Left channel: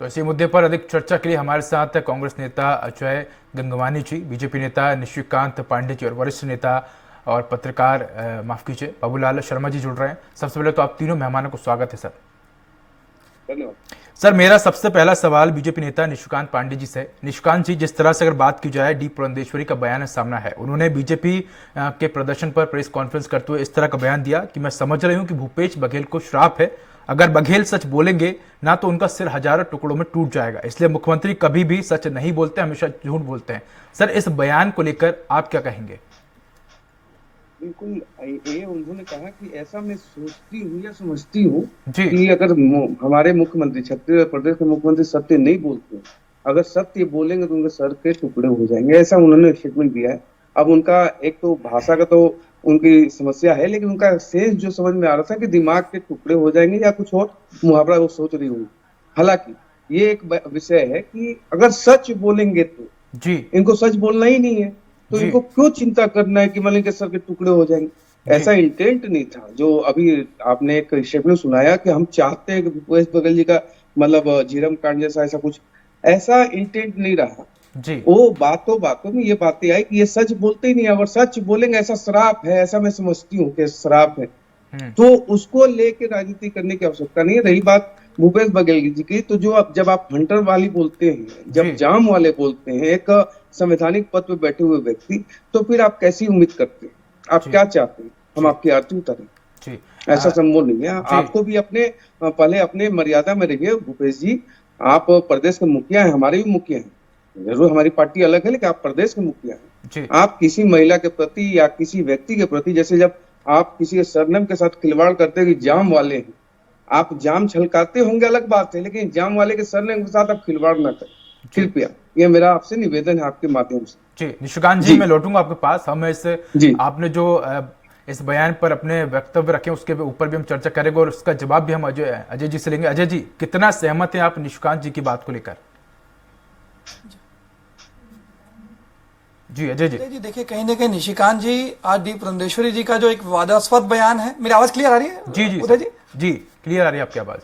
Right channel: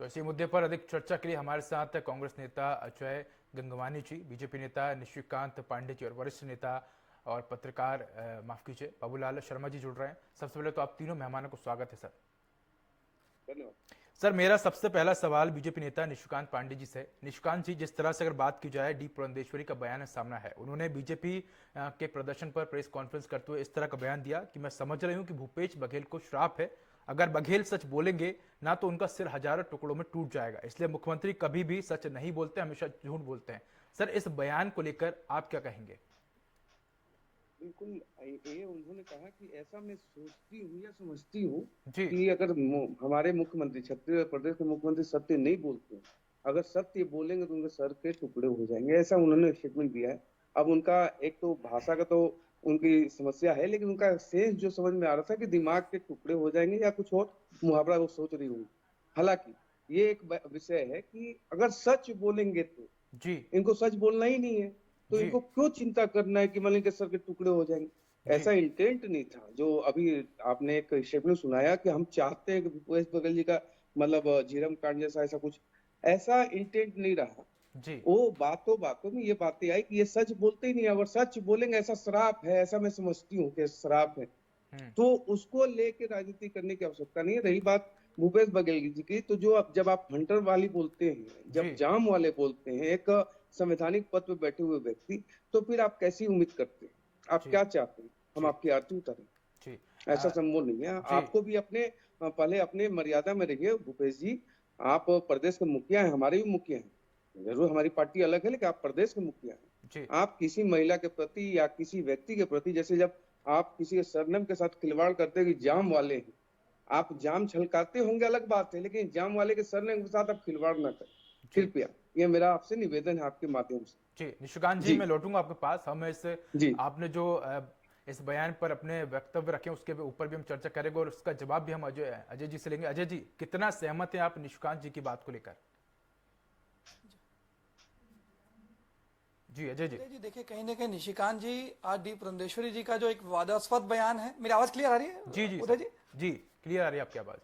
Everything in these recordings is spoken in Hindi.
तो इसी मुद्दे पर अधिक चर्चा के लिए हमारे साथ कांग्रेस नेता अजय गंगवानी जी, बीजेपी नेता निशिकांत पांडे जी और वरिष्ठ नेता और पत्रकार माफ कीजिए बाबूलाल शर्मा जी जुड़ रहे हैं। सबसे पहले तो आप तीनों मेहमानों को स्वागत है सर। धन्यवाद। सर, मेरा सबसे पहला सवाल बीजेपी नेता निशिकांत पांडे जी से। निशिकांत जी, जिस तरह से अगर बात की जाए डी पुरंदेश्वरी का बयान सामना है, उन्होंने बीजेपी के प्रदर्शन पर प्रेस कॉन्फ्रेंस करते हुए इस तरह का बयान दिया कि मैं समझ रही हूं कि भूपेश बघेल को श्राप है, अगर बघेल सच बोलेंगे ना तो उनका सिर हजारों टुकड़ों में टूट जाएगा, इसलिए मुख्यमंत्री कभी भी सच नहीं बोलते, हमेशा झूठ बोलते हैं। सर, इस बयान को लेकर आप क्या कहेंगे? बिल्कुल, ये उन्होंने कहा कि ऐसा मैं सोचती हूँ या समझती हूँ जी कि अगर हमारे मुख्यमंत्री, छत्तीसगढ़ प्रदेश के मुख्यमंत्री सत्य नहीं बोलते, अगर सत्य बोलेंगे तो उनके सर के टुकड़े हो जाएंगे, ऐसा उन्होंने स्टेटमेंट दिया है। अब उनका एक तो भाषा का तो उनकी समस्या है, लेकिन उनका सेंस जो समझ में आ रहा था कि दिमाग के टुकड़े हो जाएंगे या कुछ और मुहावरा वो सोच रही हूँ। हालांकि ये एक विषय है कि अगर सच बोलेंगे तो जी इनको सच बोलना ही नहीं है, तो जी इनको क्यों चिंता करना है कि मलिंग के सर के टुकड़े हो जाएंगे। जी ऐसा इंटेंट नहीं था जो अभी आपने एक स्टेटमेंट सुनाया कि हम चाहते हैं कि भूपेश बघेल जी का मतलब झीरम कांड जैसा ऐसा कुछ, ऐसा इंटेंट नहीं रहा। जी वो बातों बातों में ये बातें आई कि ये सच बोलते ही नहीं, अगर सच बोलेंगे ऐसा श्राप है, ऐसा मैं समझती हूँ कि श्राप है, हम्म, तो उसको लेके राजनीति करने की आवश्यकता नहीं है। रही बात भूपेश बघेल जी की, तो जो अब जब आप हंटर वाली बोलते हैं, जी जब जाम वाले बोलते हैं, एक संवैधानिक पद पे बैठे हुए व्यक्ति, तो फिर आप कैसी उम्मीद करते हैं? आप जी क्या चाहते हैं हम जी आपकी आरती उतारें? जी ऐसा संभव नहीं है। जी आपको भी अपने पहले अपने मर्यादा में रहिए भूपेश जी। आप प्रदेश के मुखिया हैं, हमारे भी मुखिया हैं, जरूर हमारी पार्टी अलग है, लेकिन आप प्रदेश के मुखिया हैं। जी आप किसी महिला के प्रति या किसी व्यक्ति के प्रति, जैसे जब आप किसी के सरनेम के साथ खिलवाड़ करते हैं कि जाम वाले हैं, आप जाम छलकाते होंगे अलग बात है, लेकिन जाम वाले के सरनेम के साथ आप खिलवाड़ ना करें जी कृपया। ये मेरा आपसे निवेदन है आपके माध्यम से। जी निशिकांत जी, जी मैं लौटूंगा आपके पास। हम इस जी आपने जो इस बयान पर अपने वक्तव्य रखे उसके ऊपर भी हम चर्चा करेंगे और उसका जवाब भी हम अजय अजय जी से लेंगे। अजय जी, कितना सहमत हैं आप निशिकांत जी की बात को लेकर? जी अजय जी। उदय जी, देखिए कहीं ना कहीं निशिकांत जी आज डी पुरंदेश्वरी जी का जो एक विवादास्पद बयान है, मेरी आवाज क्लियर आ रही है जी जी उदय सर, जी? जी क्लियर आ रही है आपकी आवाज।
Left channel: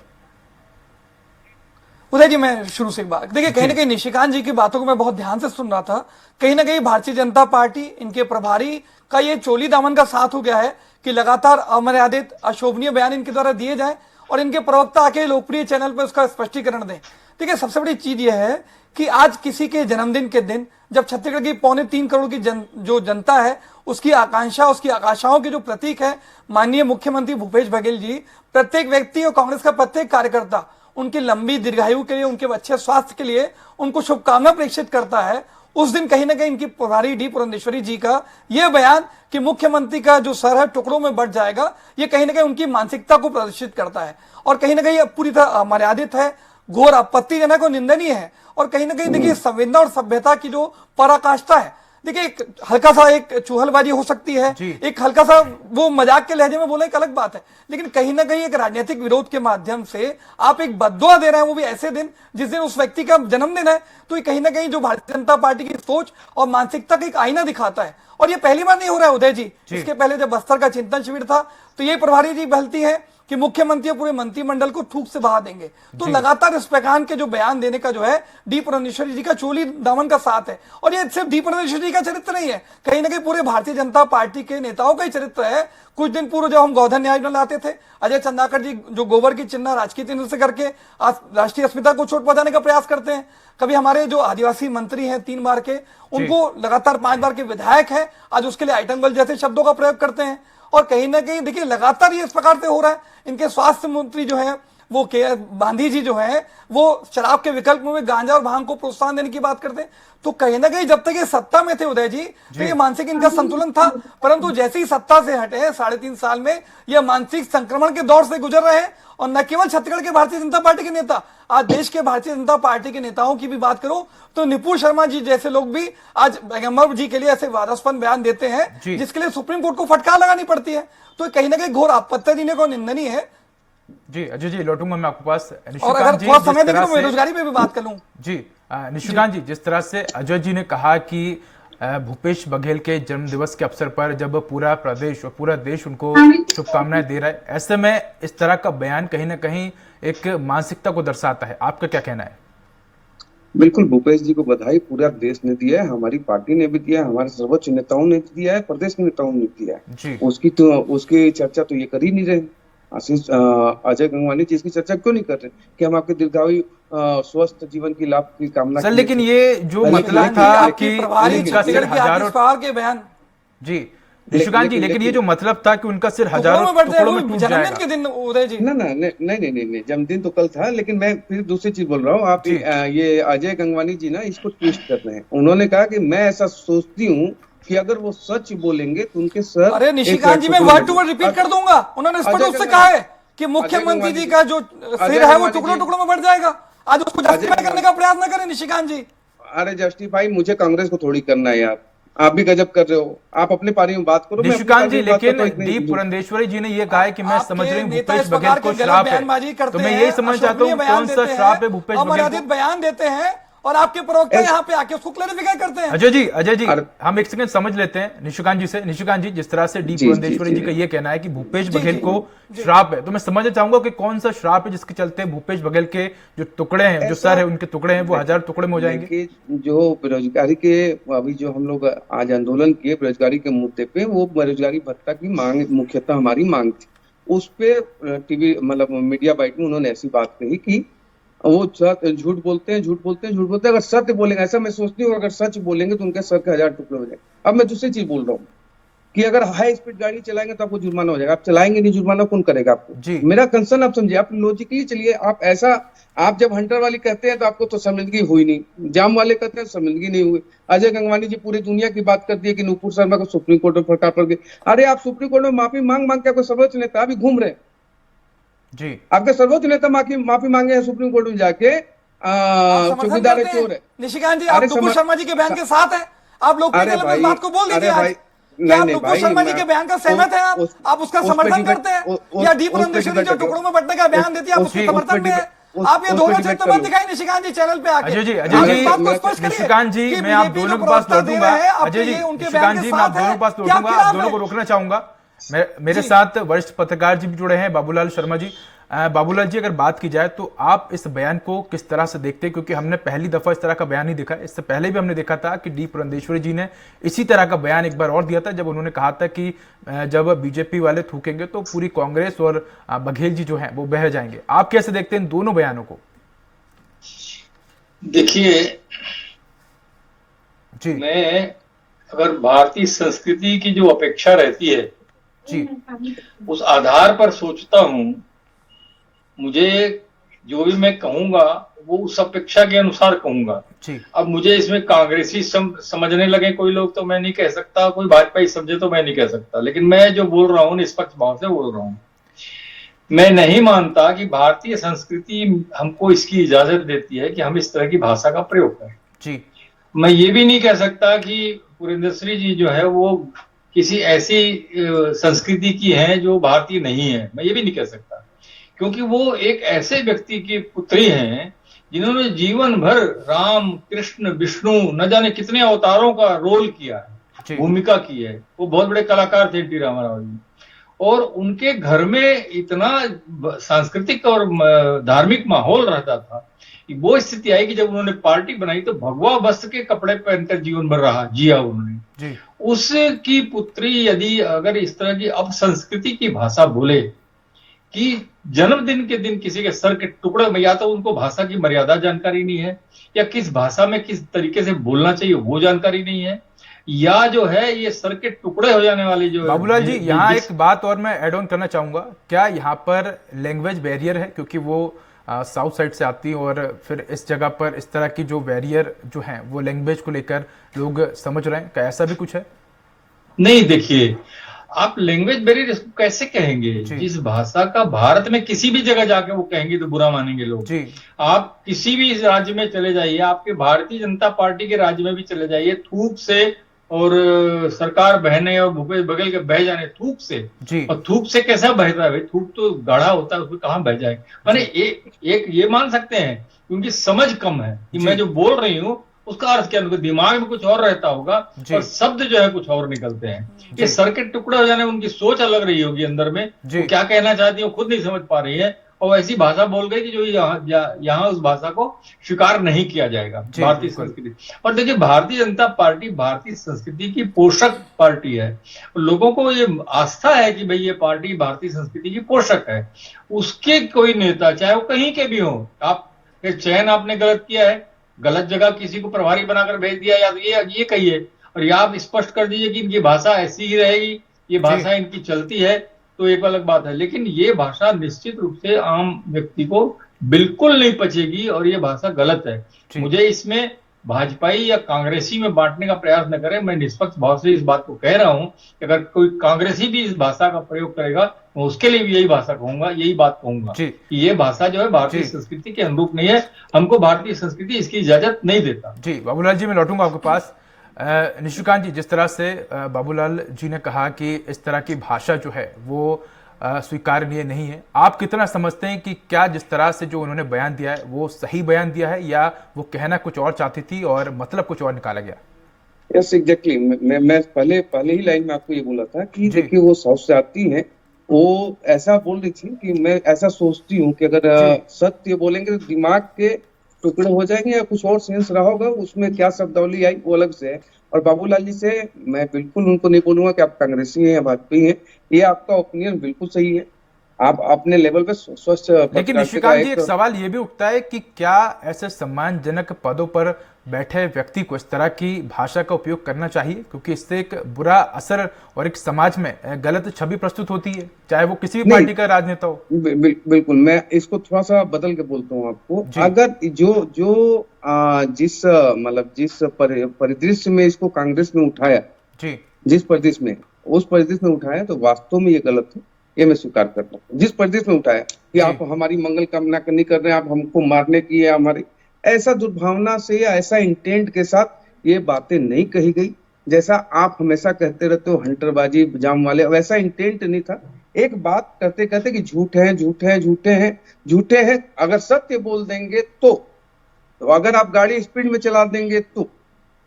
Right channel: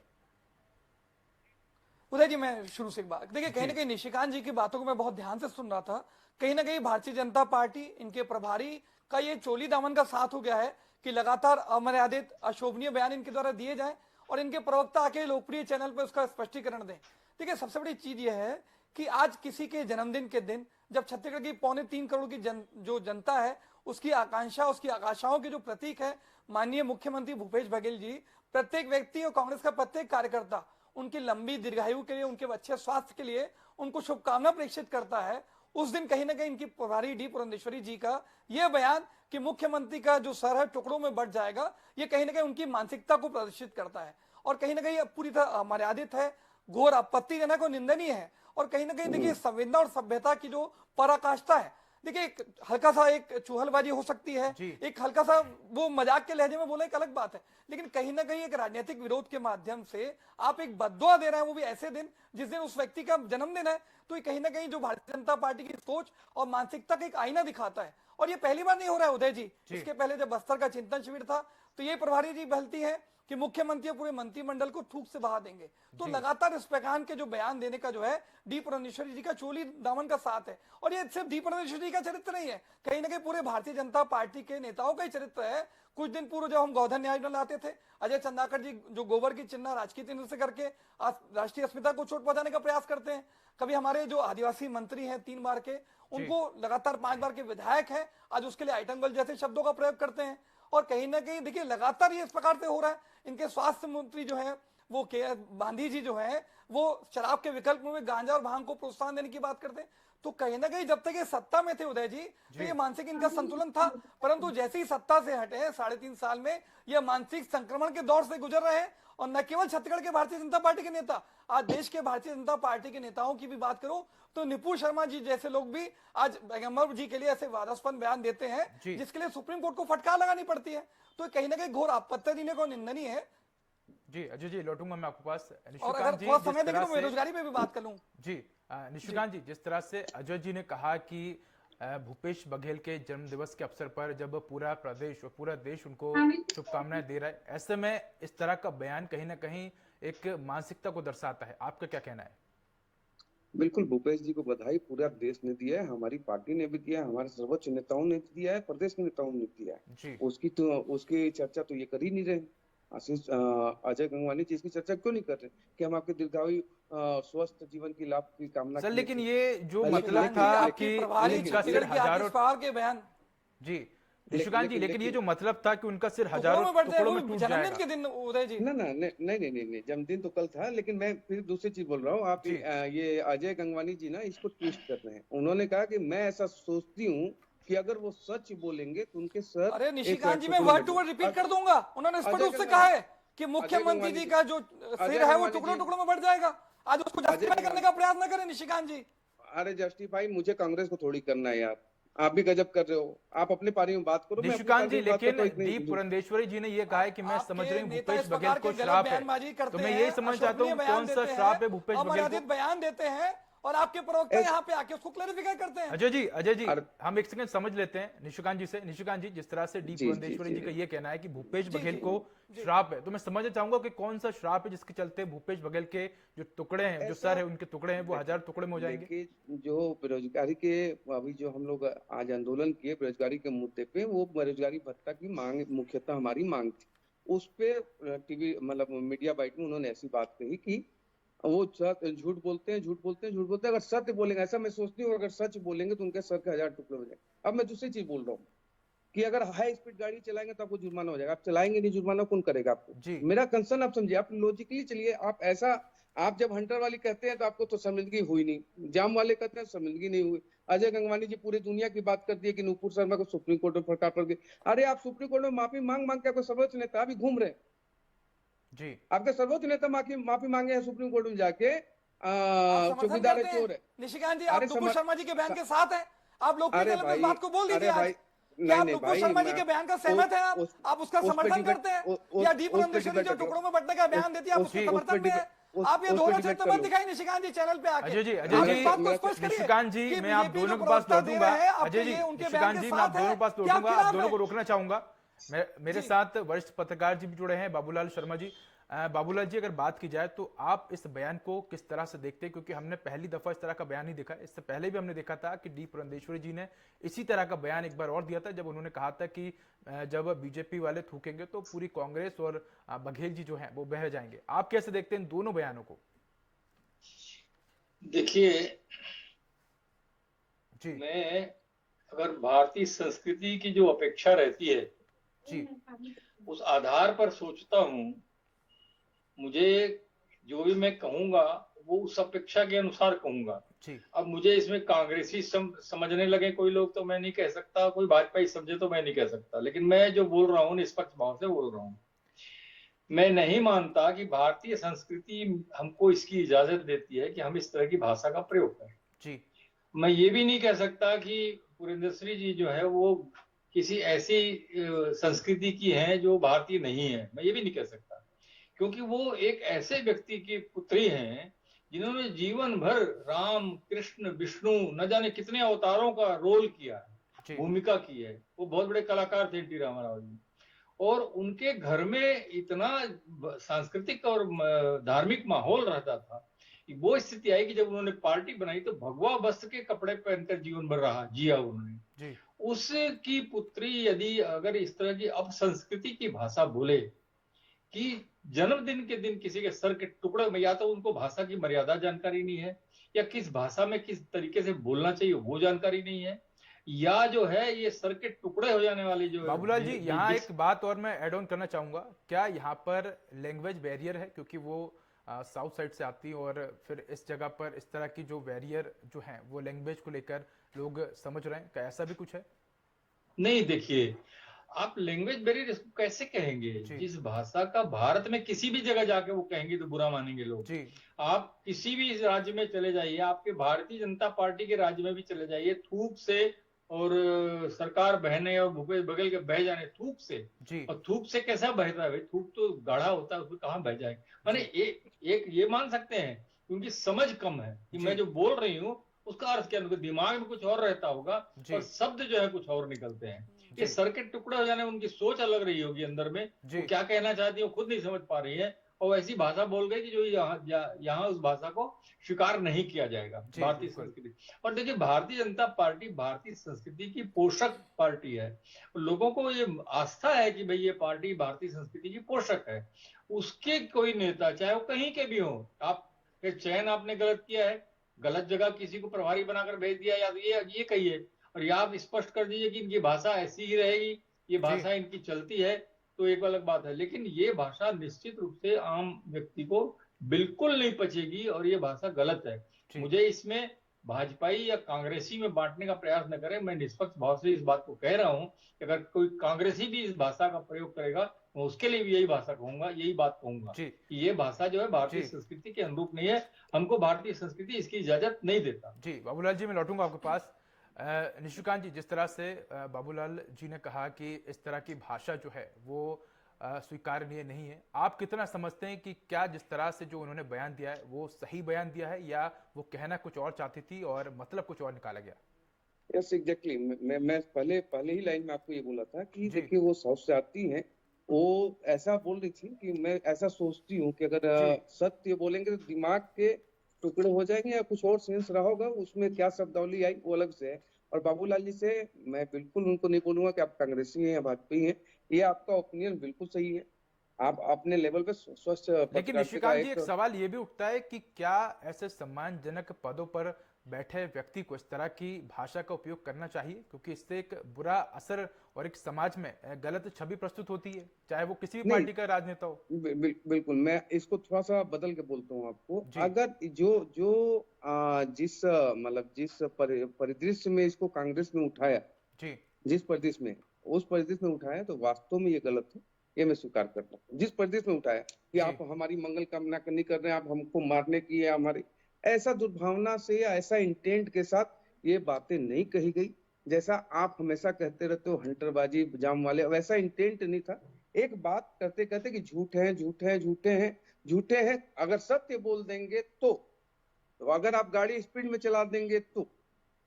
उदय जी, मैं शुरू से एक बात, देखिए कहीं जी ना कहीं निशिकांत जी की बातों को मैं बहुत ध्यान से सुन रहा था। कहीं ना कहीं भारतीय जनता पार्टी, इनके प्रभारी का ये चोली दामन का साथ हो गया है कि लगातार अमर्यादित अशोभनीय बयान इनके द्वारा दिए जाए और इनके प्रवक्ता आके लोकप्रिय चैनल पर उसका स्पष्टीकरण दें। देखिए सबसे बड़ी चीज यह है कि आज किसी के जन्मदिन के दिन जब छत्तीसगढ़ की 3.25 करोड़ की जो जनता है, उसकी आकांक्षा, उसकी आकांक्षाओं के जो प्रतीक है माननीय मुख्यमंत्री भूपेश बघेल जी, प्रत्येक व्यक्ति और कांग्रेस का प्रत्येक कार्यकर्ता उनकी लंबी दीर्घायु के लिए, उनके अच्छे स्वास्थ्य के लिए उनको शुभकामना प्रेषित करता है। उस दिन कहीं ना कहीं इनकी प्रभारी डी पुरंदेश्वरी जी का यह बयान कि मुख्यमंत्री का जो सर है टुकड़ों में बढ़ जाएगा, ये कहीं ना कहीं उनकी मानसिकता को प्रदर्शित करता है और कहीं ना कहीं पूरी तरह अमर्यादित है, घोर आपत्तिजनक और निंदनीय है। और कहीं ना कहीं देखिए संवेदना और सभ्यता की जो पराकाष्ठा है। देखिए एक हल्का सा एक चुहलबाजी हो सकती है, जी एक हल्का सा वो मजाक के लहजे में बोले एक अलग बात है, लेकिन कहीं ना कहीं एक राजनीतिक विरोध के माध्यम से आप एक बद्दुआ दे रहे हैं, वो भी ऐसे दिन जिस दिन उस व्यक्ति का जन्मदिन है। तो ये कहीं ना कहीं जो भारतीय जनता पार्टी की सोच और मानसिकता का एक आईना दिखाता है। और ये पहली बार नहीं हो रहा है उदय जी, इसके पहले जब बस्तर का चिंतन शिविर था तो ये प्रभारी जी बहलती है कि मुख्यमंत्री पूरे मंत्रिमंडल को थूक से बहा देंगे। तो लगातार इस प्रकार के जो बयान देने का जो है डी पुरंदेश्वरी जी का चोली दामन का साथ है। और ये सिर्फ डी पुरंदेश्वरी जी का चरित्र नहीं है, कहीं ना कहीं पूरे भारतीय जनता पार्टी के नेताओं का ही चरित्र है। कुछ दिन पूर्व जब हम गोधन न्याय में लाते थे, अजय चंद्राकर जी जो गोबर की चिन्ह राजकीय चिन्ह से करके आज राष्ट्रीय अस्मिता को चोट पहुंचाने का प्रयास करते हैं। कभी हमारे जो आदिवासी मंत्री हैं 3 बार के, उनको लगातार 5 बार के विधायक है, आज उसके लिए आइटम बल जैसे शब्दों का प्रयोग करते हैं। और कहीं ना कहीं देखिए लगातार ये इस प्रकार से हो रहा है। इनके स्वास्थ्य मंत्री जो है वो के गांधी जी जो है वो शराब के विकल्प में गांजा और भांग को प्रोत्साहन देने की बात करते हैं। तो कहीं ना कहीं जब तक ये सत्ता में थे उदय जी, तो ये मानसिक इनका संतुलन था, परंतु जैसे ही सत्ता से हटे 3.5 साल में ये मानसिक संक्रमण के दौर से गुजर रहे हैं। और न केवल छत्तीसगढ़ के भारतीय जनता पार्टी के नेता, आज देश के भारतीय जनता पार्टी के नेताओं की भी बात करो तो निपुण शर्मा जी जैसे लोग भी आज पैगंबर जी के लिए ऐसे वादास्पद बयान देते हैं जिसके लिए सुप्रीम कोर्ट को फटकार लगानी पड़ती है। तो कहीं ना कहीं घोर आपत्तिजनक और निंदनीय है। जी अजय जी, लौटूंगा मैं आपके पास। और अगर निशिकांत जी, थोड़ा जिस समय देंगे तरह तो से बेरोजगारी पे भी बात कर लूं। जी निशिकांत जी, जिस तरह से अजय जी ने कहा कि भूपेश बघेल के जन्मदिवस के अवसर पर जब पूरा प्रदेश और पूरा देश उनको शुभकामनाएं दे रहा है, ऐसे में इस तरह का बयान कहीं ना कहीं एक मानसिकता को दर्शाता है, आपका क्या कहना है? बिल्कुल भूपेश जी को बधाई पूरा देश ने दिया है, हमारी पार्टी ने भी दिया है, हमारे सर्वोच्च नेताओं ने भी दिया है, प्रदेश के नेताओं ने भी दिया है। जी उसकी चर्चा तो ये कर ही नहीं रहे। अजय गंगवानी जी इसकी चर्चा क्यों नहीं कर रहे कि हम आपके दीर्घायु स्वस्थ जीवन की लाभ की कामना सर, की लेकिन ये जो पहले मतलब लेकिन था आपकी कि प्रभारी उनका सिर छत्तीसगढ़ की हजारों, आतिश पहाड़ के बयान जी निशिकांत जी, लेकिन ये जो मतलब था कि उनका सिर टुकड़ों हजारों में बढ़ टुकड़ों में जाए टूट जन्मदिन जाएगा। के दिन उदय जी। ना ना नहीं, जन्मदिन तो कल था, लेकिन मैं फिर दूसरी चीज बोल रहा हूँ। आप जी ये अजय गंगवानी जी ना इसको ट्विस्ट कर रहे हैं। उन्होंने कहा कि मैं ऐसा सोचती हूँ कि अगर वो सच बोलेंगे तो उनके सर अरे निशिकांत जी, मैं वर्ड टू वर्ड रिपीट कर दूंगा। उन्होंने स्पष्ट रूप से कहा है कि मुख्यमंत्री जी का जो सिर है वो टुकड़ों टुकड़ों में बढ़ जाएगा। आज उसको जस्टिफाई करने का प्रयास न करें निशिकांत जी। अरे जस्टिफाई मुझे कांग्रेस को थोड़ी करना है यार, आप भी गजब कर रहे हो। आप अपने पारी में बात करो, मैं अपनी निशिकांत पारी जी, में बात लेकिन करता हूँ, डी इतनी पुरंदेश्वरी जी ने ये कहा है कि मैं समझ रही हूँ नेता भूपेश इस बघेल प्रकार को के गलत श्राप बयानबाजी है, करते तो मैं हैं, यही समझना चाहता हूँ अशोभनीय कौन सा बयान श्राप है देते भूपेश हैं, बघेल अमर्यादित को। बयान देते हैं और आपके प्रवक्ता यहाँ पे आके उसको क्लैरिफाई करते हैं। अजय जी हम एक सेकंड समझ लेते हैं निशिकांत जी से। निशिकांत जी, जिस तरह से डी जी पुरंदेश्वरी जी का ये कहना है कि भूपेश बघेल को श्राप है, तो मैं समझना चाहूंगा कि कौन सा श्राप है जिसके चलते भूपेश बघेल के जो टुकड़े हैं, जो सर है उनके टुकड़े हैं, वो हजार टुकड़े में हो जाएंगे। देखिए, जो बेरोजगारी के अभी जो हम लोग आज आंदोलन किए बेरोजगारी के मुद्दे पे, वो बेरोजगारी भत्ता की मांग मुख्यतः हमारी मांग थी। उस पे टीवी मतलब मीडिया बाइट में उन्होंने ऐसी बात कही कि वो झूठ बोलते हैं, झूठ बोलते हैं, झूठ बोलते हैं। अगर सत्य बोलेंगे, ऐसा मैं सोचती हूँ, अगर सच बोलेंगे तो उनके सर के 1000 टुकड़े हो जाएंगे। अब मैं दूसरी चीज बोल रहा हूँ कि अगर हाई स्पीड गाड़ी चलाएंगे तो आपको जुर्माना हो जाएगा। आप चलाएंगे नहीं, जुर्माना कौन करेगा जी। आपको? मेरा कंसर्न आप समझिए, आप लॉजिकली चलिए। आप ऐसा, आप जब हंटर वाली कहते हैं तो आपको तो शर्मिंदगी हुई नहीं, जाम वाले कहते हैं शर्मिंदगी नहीं हुई। अजय गंगवानी जी पूरी दुनिया की बात करती है कि नुपुर शर्मा को सुप्रीम कोर्ट में फटकार पड़ गई। अरे आप सुप्रीम कोर्ट में माफी मांग मांग के आपको सर्वोच्च नेता भी घूम रहे हैं। जी आपके सर्वोच्च नेता माफी मांगे हैं सुप्रीम कोर्ट में जाके, आप समर्थन चौकीदार करते चोर हैं है। निशिकांत जी, आप अरे नुपुर शर्मा जी के बयान के साथ हैं। आप लोकप्रिय अरे चैनल पर भाई, इस बात को बोल अरे दीजिए आज। भाई, क्या आप नहीं नुपुर भाई, शर्मा जी के बयान का सहमत हैं? आप उसका उस पे समर्थन डिबेट- करते हैं उस- या डी उस पे पुरंदेश्वरी डिबेट जो करो। टुकड़ों में बंटने का बयान देती है आप उसके उस पे समर्थन में डिबेट- हैं? उस- आप ये उस पे दोनों डिबेट चित्र मत करो। दिखाएं निशिकांत जी चैनल पे आके। अजय जी, आप इस बात को मैं- स्पष्ट करिए निशिकांत जी, कि मैं आप बीजेपी जो दोनों के पास प्रवक्ता दे लौटूंगा। रहे हैं, आपके अजय जी, ये उनके निशिकांत बयान जी, के मैं आप साथ दोनों है के पास कि आप लौटूंगा, आप खिलाफ दोनों को हैं? रोकना चाहूंगा। मेरे साथ वरिष्ठ पत्रकार जी भी जुड़े हैं, बाबूलाल शर्मा जी। बाबूलाल जी, अगर बात की जाए तो आप इस बयान को किस तरह से देखते हैं? क्योंकि हमने पहली दफा इस तरह का बयान नहीं देखा। इससे पहले भी हमने देखा था कि डी पुरंदेश्वरी जी ने इसी तरह का बयान एक बार और दिया था, जब उन्होंने कहा था कि जब बीजेपी वाले थूकेंगे तो पूरी कांग्रेस और बघेल जी जो हैं वो बह जाएंगे। आप कैसे देखते हैं इन दोनों बयानों को? देखिए, जी मैं अगर भारतीय संस्कृति की जो अपेक्षा रहती है जी उस आधार पर सोचता हूं। मुझे जो भी मैं कहूंगा वो उस अपेक्षा के अनुसार कहूंगा। जी अब मुझे इसमें कांग्रेसी समझने लगे कोई लोग तो मैं नहीं कह सकता, कोई भाजपाई समझे तो मैं नहीं कह सकता, लेकिन मैं जो बोल रहा हूँ निष्पक्ष भाव से बोल रहा हूँ। मैं नहीं मानता कि भारतीय संस्कृति हमको इसकी इजाजत देती है कि हम इस तरह की भाषा का प्रयोग करें। जी मैं ये भी नहीं कह सकता कि पुरंदेश्वरी जी जो है वो किसी ऐसी संस्कृति की हैं जो भारतीय नहीं है, मैं ये भी नहीं कह सकता, क्योंकि वो एक ऐसे व्यक्ति की पुत्री हैं जिन्होंने जीवन भर राम कृष्ण विष्णु न जाने कितने अवतारों का रोल किया है, भूमिका की है। वो बहुत बड़े कलाकार थे टी रामाराव जी, और उनके घर में इतना सांस्कृतिक और धार्मिक माहौल रहता था। वो स्थिति आई कि जब उन्होंने पार्टी बनाई तो भगवा वस्त्र के कपड़े पहनकर जीवन भर जिया उन्होंने। उसकी पुत्री यदि अगर इस तरह की अपसंस्कृति की भाषा बोले कि जन्मदिन के दिन किसी के सर के टुकड़े में, या तो उनको भाषा की मर्यादा जानकारी नहीं है, या किस भाषा में किस तरीके से बोलना चाहिए वो जानकारी नहीं है, या जो है ये सर के टुकड़े हो जाने वाली जो बाबूलाल जी, यहाँ एक बात और मैं ऐड ऑन करना चाहूंगा। क्या यहाँ पर लैंग्वेज बैरियर है, क्योंकि वो साउथ साइड से आती है और फिर इस जगह पर इस तरह की जो बैरियर जो है वो लैंग्वेज को लेकर लोग समझ रहे हैं? क्या ऐसा भी कुछ है? नहीं, देखिए, आप लैंग्वेज बैरियर इसको कैसे कहेंगे? जिस भाषा का भारत में किसी भी जगह जाके वो कहेंगे तो बुरा मानेंगे लोग जी। आप किसी भी राज्य में चले जाइए, आपके भारतीय जनता पार्टी के राज्य में भी चले जाइए, थूक से और सरकार बहने और भूपेश बघेल के बह जाने थूक से जी। और थूक से कैसा बहता है भाई? थूक तो गाढ़ा होता है, उसमें कहां बह जाए? माने एक ये मान सकते हैं क्योंकि समझ कम है कि मैं जो बोल रही हूँ उसका अर्थ क्या, उनके दिमाग में कुछ और रहता होगा और शब्द जो है कुछ और निकलते हैं। ये सर के टुकड़े हो जाने, उनकी सोच अलग रही होगी अंदर में, वो क्या कहना चाहती है खुद नहीं समझ पा रही है, और वैसी भाषा बोल गए कि जो यहाँ उस भाषा को स्वीकार नहीं किया जाएगा जी, भारतीय बिल्कुल। संस्कृति। और देखिए, भारतीय जनता पार्टी भारतीय संस्कृति की पोषक पार्टी है। लोगों को ये आस्था है कि भाई ये पार्टी भारतीय संस्कृति की पोषक है। उसके कोई नेता, चाहे वो कहीं के भी हो, आप चयन आपने गलत किया है, गलत जगह किसी को प्रभारी बनाकर भेज दिया, या तो ये कहिए, और या आप स्पष्ट कर दीजिए कि इनकी भाषा ऐसी ही रहेगी, ये भाषा इनकी चलती है, तो एक अलग बात है। लेकिन ये भाषा निश्चित रूप से आम व्यक्ति को बिल्कुल नहीं पचेगी, और ये भाषा गलत है। मुझे इसमें भाजपाई या कांग्रेसी में बांटने का प्रयास न करें। मैं निष्पक्ष भाव से इस बात को कह रहा हूं कि अगर कोई कांग्रेसी भी इस भाषा का प्रयोग करेगा, तो उसके लिए भी यही भाषा कहूंगा, यही बात कहूंगा कि ये भाषा जो है भारतीय संस्कृति के अनुरूप नहीं है। हमको भारतीय संस्कृति इसकी इजाजत नहीं देता। जी बाबूलाल जी, मैं लौटूंगा आपके पास। निशिकांत जी, जिस तरह से बाबूलाल जी ने कहा कि इस तरह की भाषा जो है वो स्वीकार्य नहीं है, आप कितना समझते हैं कि क्या जिस तरह से जो उन्होंने बयान दिया है वो सही बयान दिया है, या वो कहना कुछ और चाहती थी और मतलब कुछ और निकाला गया? Yes, exactly. मैं पहले ही लाइन में आपको ये बोला था कि देखिए, वो साउथ से आती है, वो ऐसा बोल रही थी कि मैं ऐसा सोचती हूँ कि अगर सत्य बोलेंगे तो दिमाग के टुकड़े हो जाएंगे, या कुछ और सेंस रहा होगा, उसमें क्या शब्दावली आई वो अलग से है। और बाबूलाल जी से मैं बिल्कुल उनको नहीं बोलूंगा कि आप कांग्रेसी हैं या भाजपा हैं, ये आपका ओपिनियन बिल्कुल सही है, आप अपने लेवल पे स्वच्छ। लेकिन निशिकांत जी, एक सवाल ये भी उठता है कि क्या ऐसे सम्मानजनक पदों पर बैठे व्यक्ति को इस तरह की भाषा का उपयोग करना चाहिए, क्योंकि इससे एक बुरा असर और एक समाज में गलत छवि प्रस्तुत होती है, चाहे वो किसी भी पार्टी का राजनेता हो। बिल्कुल, मैं इसको थोड़ा सा बदल के बोलता हूँ आपको। अगर जिस परिदृश्य में इसको कांग्रेस में उठाया, जिस परिदृश्य में, उस परिदृश्य में उठाया, तो वास्तव में ये गलत है, ये मैं स्वीकार करता हूँ। जिस परिदृश्य में उठाया कि आप हमारी मंगल कामना नहीं कर रहे हैं, आप हमको मारने की, या हमारे ऐसा दुर्भावना से या ऐसा इंटेंट के साथ ये बातें नहीं कही गई। जैसा आप हमेशा कहते रहते हो हंटरबाजी जाम वाले, वैसा इंटेंट नहीं था। एक बात करते कहते कि झूठ है, झूठे हैं, झूठे हैं, झूठे हैं। अगर सत्य बोल देंगे तो अगर आप गाड़ी स्पीड में चला देंगे तो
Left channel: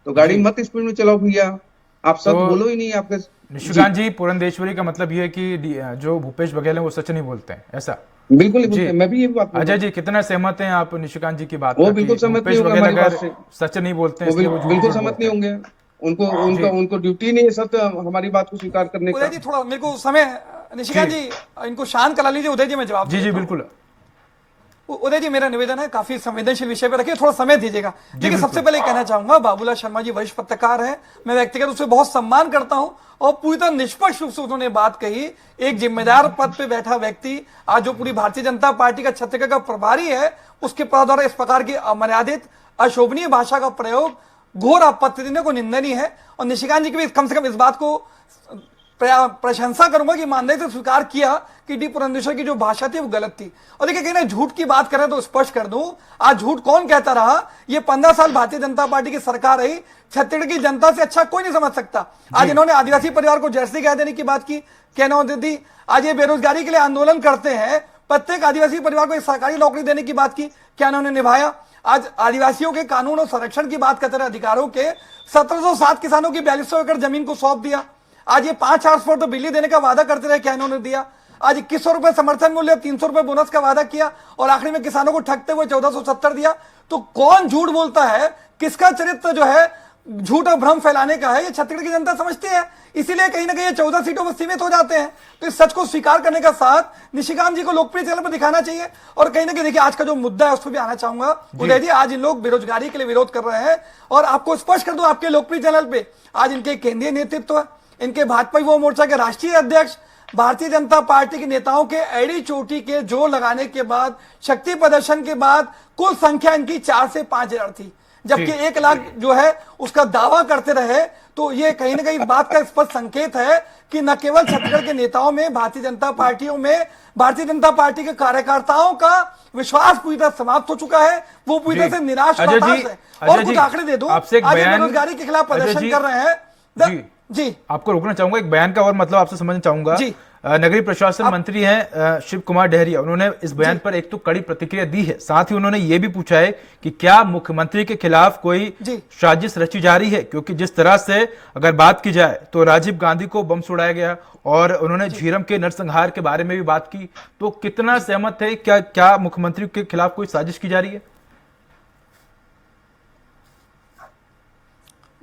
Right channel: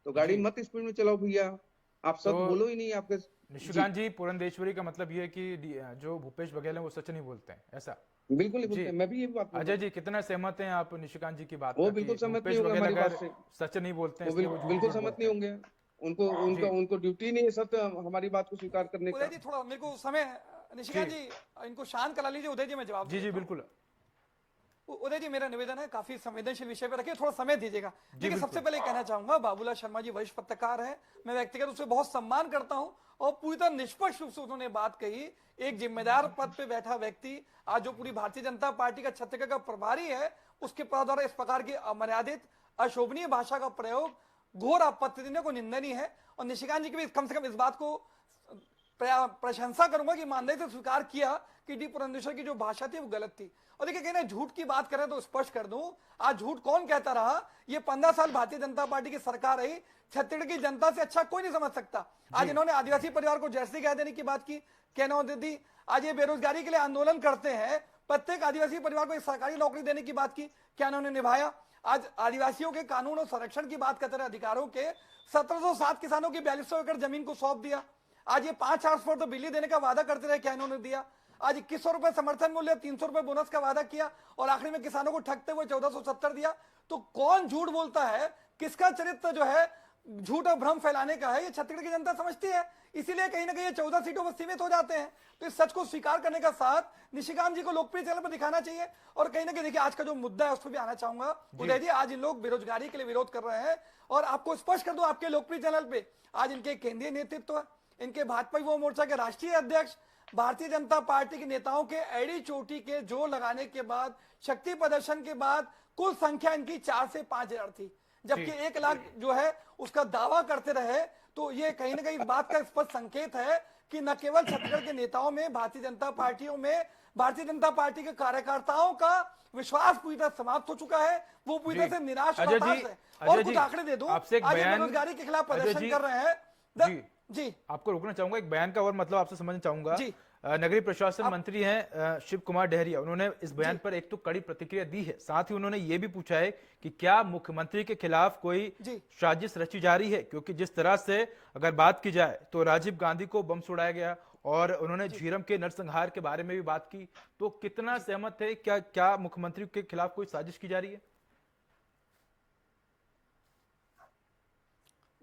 गाड़ी मत स्पीड में चलाओ भैया, आप सच बोलो ही नहीं। आपके निशिकांत जी, पुरंदेश्वरी का मतलब ये है कि जो भूपेश बघेल है वो सच नहीं बोलते हैं, ऐसा? बिल्कुल नहीं, मैं भी ये बात। अजय जी, कितना सहमत हैं आप निशिकांत जी की बात? वो बिल्कुल सहमत नहीं होंगे हमारी बात से। सच नहीं बोलते हैं, बिल्कुल सहमत नहीं होंगे। उनको ड्यूटी नहीं है सत्य हमारी बात को स्वीकार करने का। उदय जी, थोड़ा मेरे को समय, निशिकांत जी इनको शांत करा लीजिए। उदय जी, मैं जवाब जी बिल्कुल। उदय जी, मेरा निवेदन है, काफी संवेदनशील विषय पर रखिए, थोड़ा समय दीजिएगा। देखिए, सबसे पहले कहना चाहूंगा, बाबूलाल शर्मा जी वरिष्ठ पत्रकार हैं, मैं व्यक्तिगत रूप से बहुत सम्मान करता हूं, और पूरी तरह निष्पक्ष रूप से उन्होंने बात कही। एक जिम्मेदार पद पे बैठा व्यक्ति, आज जो पूरी भारतीय जनता पार्टी का छत्तीसगढ़ का प्रभारी है, उसके पद द्वारा इस प्रकार की अमर्यादित अशोभनीय भाषा का प्रयोग घोर आपत्ति देने को निंदनीय है। और निशिकांत जी की भी कम से कम इस बात को प्रशंसा करूंगा कि ईमानदारी से स्वीकार किया कि डी पुरंदेश्वरी की जो भाषा थी वो गलत थी। और देखिए, कहीं ना झूठ की बात करें तो स्पष्ट कर दूं, आज झूठ कौन कहता रहा? ये 15 साल भारतीय जनता पार्टी की सरकार रही, छत्तीसगढ़ की जनता से अच्छा कोई नहीं समझ सकता। आज इन्होंने आदिवासी परिवार को जर्सी कह देने की बात की, कहना दी। आज ये बेरोजगारी के लिए आंदोलन करते हैं, प्रत्येक आदिवासी परिवार को एक सरकारी नौकरी देने की बात की, क्या उन्होंने निभाया? आज आदिवासियों के कानून और संरक्षण की बात करते रहे, अधिकारों के 1707 किसानों की 4200 एकड़ जमीन को सौंप दिया। आज ये 5 ट्रांसपोर्ट तो बिजली देने का वादा करते रहे, क्या इन्होंने दिया? आज 2100 रुपए समर्थन मूल्य, 300 रुपए बोनस का वादा किया, और आखिरी में किसानों को ठगते हुए 1470 दिया। तो कौन झूठ बोलता है? किसका चरित्र जो है झूठ और भ्रम फैलाने का है, ये छत्तीसगढ़ की जनता समझती है। इसीलिए कहीं ना कहीं ये 14 सीटों पर सीमित हो जाते हैं। तो इस सच को स्वीकार करने का साथ निशिकांत जी को लोकप्रिय चैनल पर दिखाना चाहिए। और कहीं ना कहीं देखिए, आज का जो मुद्दा है उस पर भी आना चाहूंगा। उदय जी, आज इन लोग बेरोजगारी के लिए विरोध कर रहे हैं, और आपको स्पष्ट कर दूं, आपके लोकप्रिय चैनल पे आज इनके केंद्रीय नेतृत्व है, इनके भाजपा युवा मोर्चा के राष्ट्रीय अध्यक्ष, भारतीय जनता पार्टी के नेताओं के एड़ी चोटी के जोर लगाने के बाद, शक्ति प्रदर्शन के बाद कुल संख्या इनकी 4 से 5 हजार थी, जबकि 1 लाख जो है उसका दावा करते रहे। तो ये कहीं ना कहीं इस बात का स्पष्ट संकेत है कि न केवल छत्तीसगढ़ के नेताओं में, भारतीय जनता पार्टियों में, भारतीय जनता पार्टी के कार्यकर्ताओं का विश्वास पूरी तरह समाप्त हो चुका है, वो पूरी तरह से निराश और हताश है। और कुछ आंकड़े दे दूं, आज बेरोजगारी के खिलाफ प्रदर्शन कर रहे हैं। जी, आपको रोकना चाहूंगा, एक बयान का और मतलब आपसे समझना चाहूंगा। नगरीय प्रशासन मंत्री हैं शिव कुमार डहरिया, उन्होंने इस बयान पर एक तो कड़ी प्रतिक्रिया दी है, साथ ही उन्होंने ये भी पूछा है कि क्या मुख्यमंत्री के खिलाफ कोई साजिश रची जा रही है, क्योंकि जिस तरह से अगर बात की जाए तो राजीव गांधी को बम से उड़ाया गया और उन्होंने झीरम के नरसंहार के बारे में भी बात की, तो कितना सहमत है, क्या मुख्यमंत्री के खिलाफ कोई साजिश की जा रही है?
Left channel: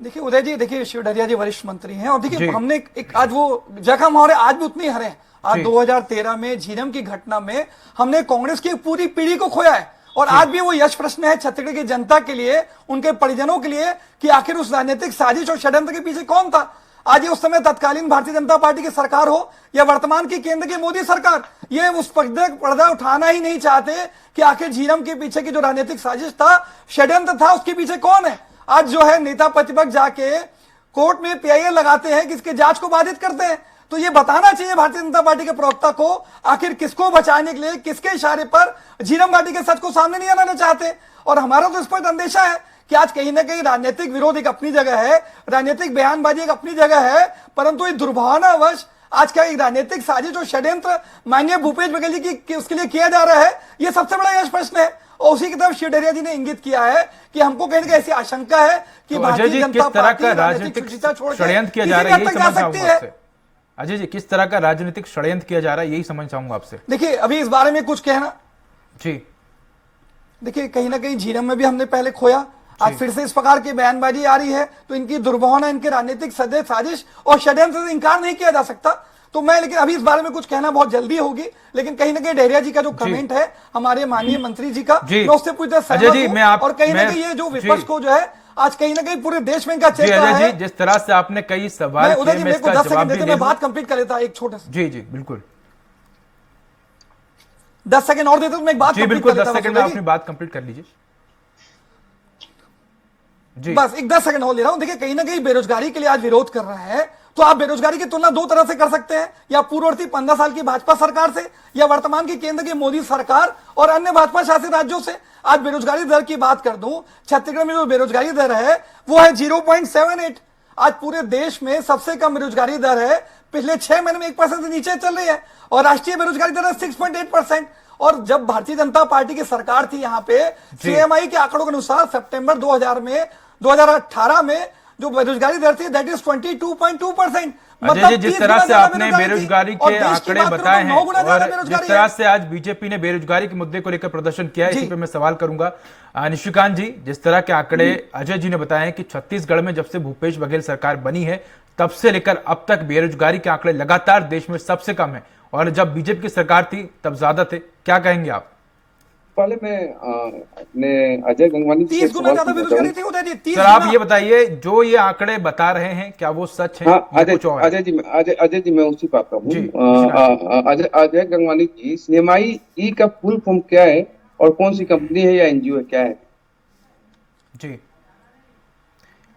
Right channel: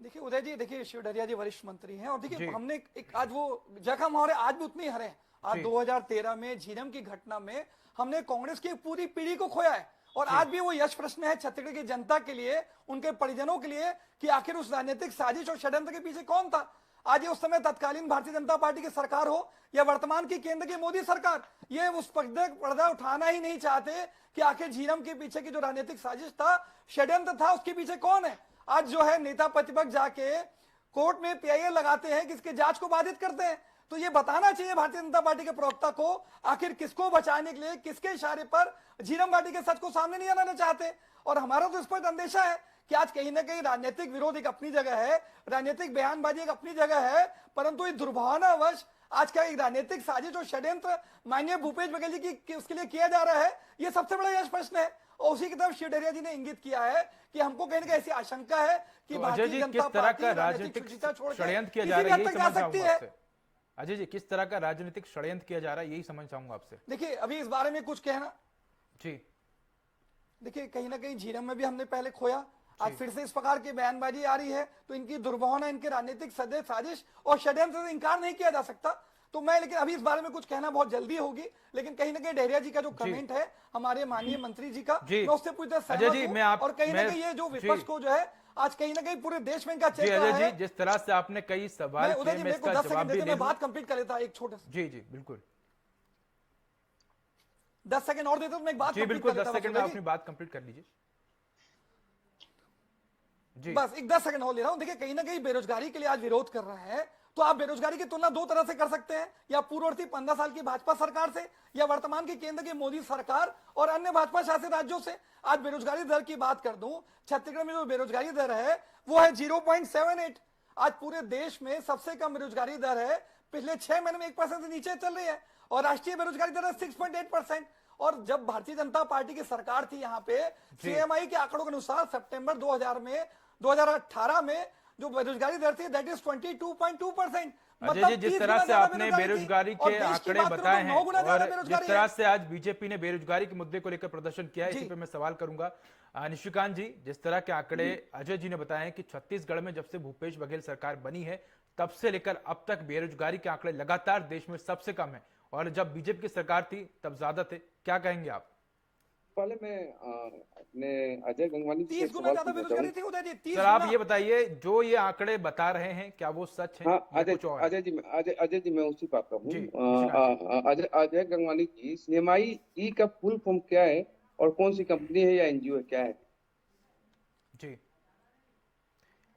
देखिए उदय जी, देखिए शिव डहरिया जी वरिष्ठ मंत्री हैं और देखिए हमने एक आज वो जख्म हमारे आज भी उतने हरे हैं। आज 2013 में झीरम की घटना में हमने कांग्रेस की पूरी पीढ़ी को खोया है और आज भी वो यश प्रश्न है छत्तीसगढ़ की जनता के लिए, उनके परिजनों के लिए कि आखिर उस राजनीतिक साजिश और षड्यंत्र के पीछे कौन था। आज ये उस समय तत्कालीन भारतीय जनता पार्टी की सरकार हो या वर्तमान की केंद्र की मोदी सरकार, ये उस पर्दा उठाना ही नहीं चाहते कि आखिर झीरम के पीछे की जो राजनीतिक साजिश था, षड्यंत्र था, उसके पीछे कौन है। आज जो है नेता प्रतिपक्ष जाके कोर्ट में पीआईएल लगाते हैं, किसके जांच को बाधित करते हैं। तो ये बताना चाहिए भारतीय जनता पार्टी के प्रवक्ता को आखिर किसको बचाने के लिए, किसके इशारे पर झीरम घाटी के सच को सामने नहीं आना चाहते। और हमारा तो स्पष्ट अंदेशा है कि आज कहीं ना कहीं राजनीतिक विरोध एक अपनी जगह है, राजनीतिक बयानबाजी एक अपनी जगह है, परंतु ये दुर्भावनावश आज का एक राजनीतिक साजिश और षड्यंत्र माननीय भूपेश बघेल जी की उसके लिए किया जा रहा है, ये सबसे बड़ा यश प्रश्न है। और उसी की तरफ शिव डहरिया जी ने इंगित किया है कि हमको कहीं ना कहीं ऐसी आशंका है कि तो अजय जी किस तरह का राजनीतिक षड्यंत्र किया जा रहा है, यही समझ चाहूंगा आपसे। अजय जी किस तरह का राजनीतिक षड्यंत्र किया जा रहा है, यही समझ चाहूंगा आपसे। देखिए अभी इस बारे में कुछ कहना जी, देखिए कहीं ना कहीं झीरम में भी हमने पहले खोया, आज फिर से इस प्रकार की बयानबाजी आ रही है, तो इनकी दुर्भावना, इनके राजनीतिक साजिश और षड्यंत्र से इनकार नहीं किया जा सकता। तो मैं लेकिन अभी इस बारे में कुछ कहना बहुत जल्दी होगी, लेकिन कहीं ना कहीं डहरिया जी का जो कमेंट है हमारे माननीय मंत्री जी का, मैं उससे पूरी तरह सहमत हूं। और कहीं ना कहीं ये जो विपक्ष को जो है आज कहीं ना कहीं पूरे देश में इनका चल रहा है। जिस तरह से आपने कई सवाल उदय जी मेरे को 10 सेकंड देते, मैं बात कंप्लीट कर लेता एक छोटा सा। जी जी बिल्कुल 10 सेकंड और देते तो मैं एक बात कंप्लीट कर लेता। 10 सेकंड में अपनी बात कंप्लीट कर लीजिए जी। बस एक 10 सेकंड हो ले रहा हूं। देखिए कहीं ना कहीं बेरोजगारी के लिए आज विरोध कर रहा है, तो आप बेरोजगारी की तुलना दो तरह से कर सकते हैं, या पूर्ववर्ती 15 साल की भाजपा सरकार से, या वर्तमान की केंद्र की मोदी सरकार और अन्य भाजपा शासित राज्यों से। आज बेरोजगारी दर की बात कर दूं, छत्तीसगढ़ में जो बेरोजगारी दर है वो है 0.78। आज पूरे देश में सबसे कम बेरोजगारी दर है, पिछले 6 महीने में 1% से नीचे चल रही है, और राष्ट्रीय बेरोजगारी दर है 6.8%। और जब भारतीय जनता पार्टी की सरकार थी यहाँ पे, सीएमआई के आंकड़ों के अनुसार सितंबर 2018 में जो बेरोजगारी दर थी दैट इज 22.2%। मतलब जिस तरह से आपने बेरोजगारी के आंकड़े बताए हैं और जिस तरह से आज बीजेपी ने बेरोजगारी के मुद्दे को लेकर प्रदर्शन किया, इसी पे मैं सवाल करूंगा निशिकांत जी। जिस तरह के आंकड़े अजय जी ने बताए कि छत्तीसगढ़ में जब से भूपेश बघेल सरकार बनी है तब से लेकर अब तक बेरोजगारी के आंकड़े लगातार देश में सबसे कम है, और जब बीजेपी की सरकार थी तब ज्यादा थे। क्या कहेंगे आप? पहले मैं अपने अजय गंगवानी जी 30 गुना ज्यादा बेरोजगारी थी उदय जी। सर आप ये बताइए, जो ये आंकड़े बता रहे हैं क्या वो सच है? हाँ, अजय जी मैं उसी बात का हूँ। अजय गंगवानी जी, सीएमआई ई का फुल फॉर्म क्या है और कौन सी कंपनी है या एनजीओ है, क्या है? जी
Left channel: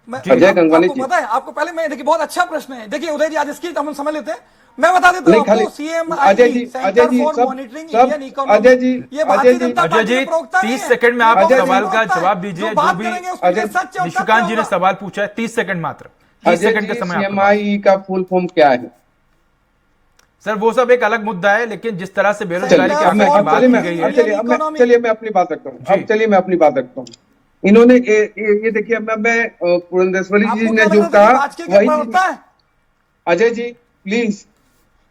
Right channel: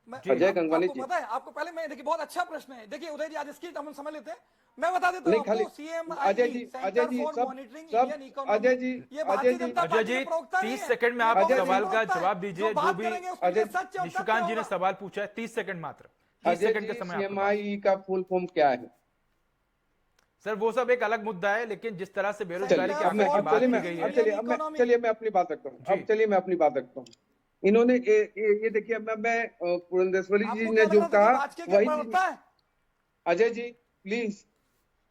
अजय गंगवानी जी पता है आपको? पहले मैं देखिए बहुत अच्छा प्रश्न है। देखिए उदय जी आज इसकी हम समझ लेते हैं, मैं बता देता हूं आपको। CMI centre for monitoring Indian economy, ये भारतीय जनता पार्टी के प्रवक्ता नहीं है। 30 सेकंड में आप सवाल का जवाब दीजिए। जो भी निशिकांत जी ने सवाल पूछा है, 30 सेकंड मात्र, 30 सेकंड का समय। सीएमआई का फुल फॉर्म क्या है? सर वो सब एक अलग मुद्दा है, लेकिन जिस तरह से बेरोजगारी के आंकड़े की बात की गई है, चलिए मैं अपनी बात रखता हूँ। अब चलिए मैं अपनी बात रखता हूँ। इन्होंने ये देखिए, मैं पुरंदेश्वरी जी ने जो कहा वही। अजय जी प्लीज,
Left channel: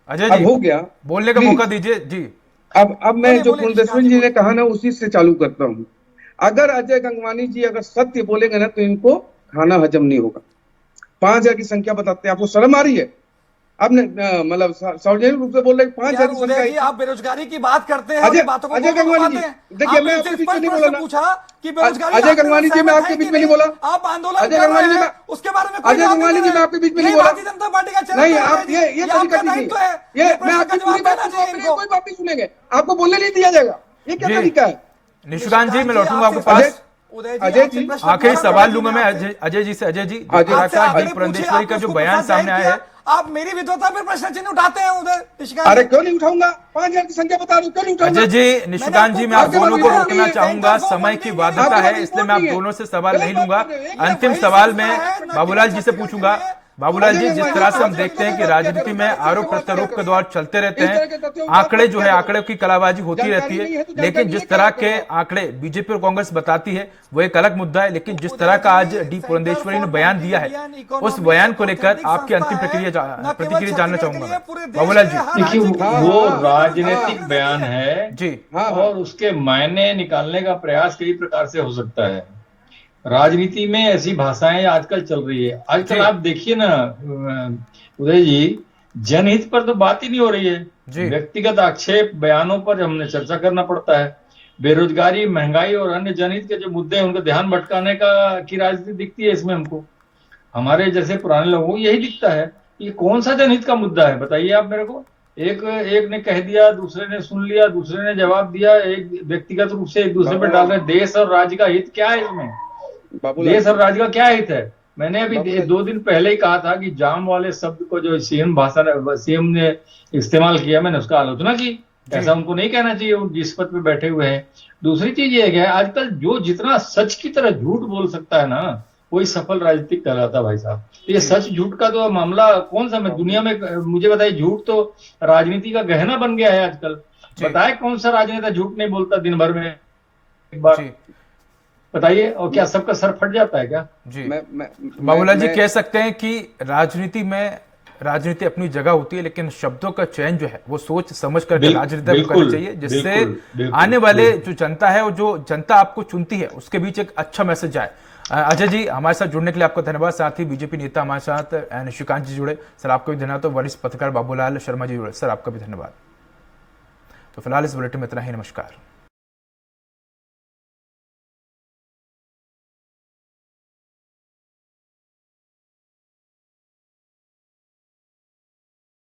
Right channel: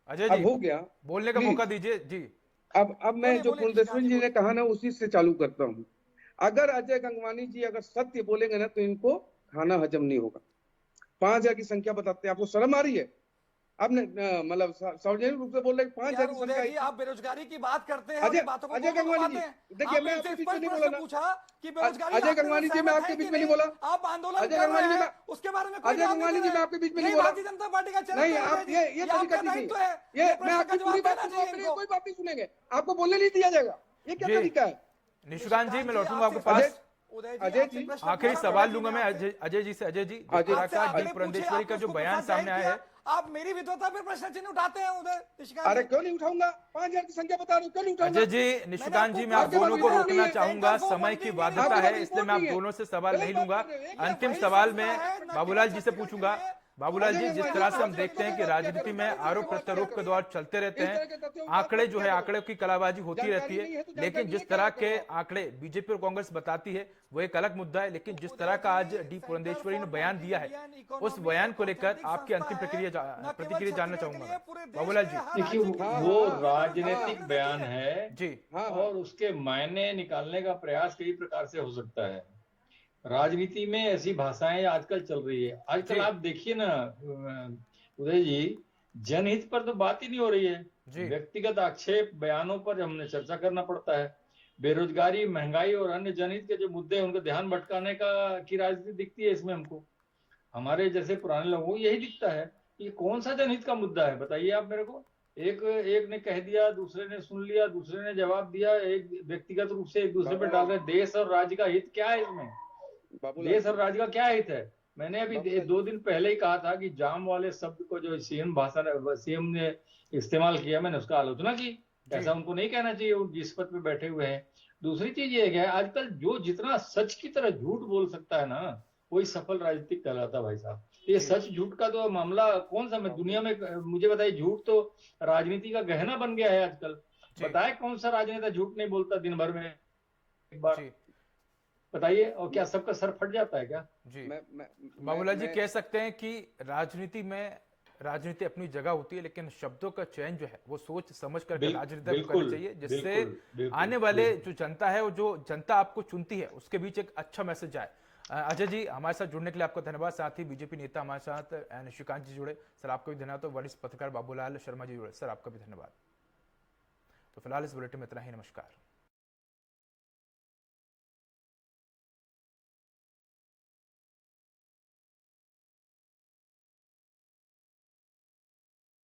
अजय जी हो गया, बोलने का मौका दीजिए जी। अब मैं जो पुरंदेश्वरी जी ने कहा ना उसी से चालू करता हूँ। अगर अजय गंगवानी जी अगर सत्य बोलेंगे ना तो इनको खाना हजम नहीं होगा। 5000 की संख्या बताते हैं, आपको शर्म आ रही है? आपने मतलब सार्वजनिक रूप से बोल रहे 5000 की संख्या। आप बेरोजगारी की बात करते हैं, अजय गंगवानी जी देखिए, मैं आपके बीच में नहीं बोला पूछा कि बेरोजगारी। अजय गंगवानी जी मैं आपके बीच में नहीं बोला। आप आंदोलन अजय गंगवानी जी उसके बारे में, अजय गंगवानी जी मैं आपके बीच में नहीं बोला। भारतीय जनता पार्टी का नहीं, आप ये तरीका नहीं, ये मैं आपकी पूरी बात कोई बात नहीं सुनेंगे, आपको बोलने नहीं दिया जाएगा। ये क्या तरीका है? निशिकांत जी मैं लौटूंगा आपके पास। अजय जी आखिरी सवाल लूंगा मैं अजय जी से। अजय जी, पुरंदेश्वरी का जो बयान सामने आया है, आप मेरी विद्वता पर प्रश्न चिन्ह उठाते हैं उधर। अरे क्यों नहीं उठाऊंगा? 5000 की संख्या बता रहा हूं, क्यों नहीं उठाऊंगा? अजय जी, निशिकांत जी मैं आप दोनों को रोकना चाहूंगा, समय की बाध्यता है, इसलिए मैं आप दोनों से सवाल नहीं लूंगा। अंतिम सवाल मैं बाबूलाल जी से पूछूंगा। बाबूलाल जी, जिस तरह से हम देखते हैं कि राजनीति में आरोप प्रत्यारोप के दौर चलते रहते हैं, आंकड़े जो है आंकड़े की कलाबाजी होती रहती है, लेकिन जिस तरह के आंकड़े बीजेपी और कांग्रेस बताती है वो एक अलग मुद्दा है। लेकिन जिस तरह का आज डी पुरंदेश्वरी ने बयान दिया है, उस बयान को लेकर आपकी अंतिम प्रतिक्रिया जानना चाहूंगा मैं। बाबूलाल जी, देखिए वो राजनीतिक बयान है जी, और उसके मायने निकालने का प्रयास कई प्रकार से हो सकता है। राजनीति में ऐसी भाषाएं आजकल चल रही है। आजकल आप देखिए ना उदय जी, जनहित पर तो बात ही नहीं हो रही है। व्यक्तिगत आक्षेप बयानों पर हमने चर्चा करना पड़ता है। बेरोजगारी, महंगाई और अन्य जनहित के जो मुद्दे हैं उनका ध्यान भटकाने की राजनीति दिखती है इसमें हमको। हमारे जैसे पुराने लोगों को यही दिखता है। ये कौन सा जनहित का मुद्दा है बताइए आप मेरे को। एक ने कह दिया, दूसरे ने सुन लिया, दूसरे ने जवाब दिया, एक व्यक्तिगत रूप से एक दूसरे पर डाल रहे। देश और राज्य का हित क्या है इसमें? देश और राज्य का क्या हित है? मैंने अभी 2 दिन पहले ही कहा था कि जाम वाले शब्द को जो सीएम ने इस्तेमाल किया, मैंने उसका आलोचना की। ऐसा उनको नहीं कहना चाहिए, वो जिस पद पे बैठे हुए हैं। दूसरी चीज ये है आजकल जो जितना सच की तरह झूठ बोल सकता है ना, वही सफल राजनीतिक कहलाता है भाई साहब। ये सच झूठ का तो मामला कौन सा में दुनिया में, मुझे बताइए, झूठ तो राजनीति का गहना बन गया है आजकल। बताए कौन सा राजनेता झूठ नहीं बोलता दिन भर में एक बार? बताइए, और क्या सबका सर फट जाता है क्या? जी, बाबूलाल जी, कह सकते हैं कि राजनीति अपनी जगह होती है, लेकिन शब्दों का चयन जो है वो सोच समझ कर राजनीति करनी चाहिए, जिससे आने वाले जो जनता है और जो जनता आपको चुनती है उसके बीच एक अच्छा मैसेज आए। अजय जी, हमारे साथ जुड़ने के लिए आपका धन्यवाद। साथ ही बीजेपी नेता हमारे साथ निशिकांत जी जुड़े, सर आपका भी धन्यवाद। तो वरिष्ठ पत्रकार बाबूलाल शर्मा जी जुड़े, सर आपका भी धन्यवाद। तो फिलहाल इस बुलेटिन में इतना ही, नमस्कार।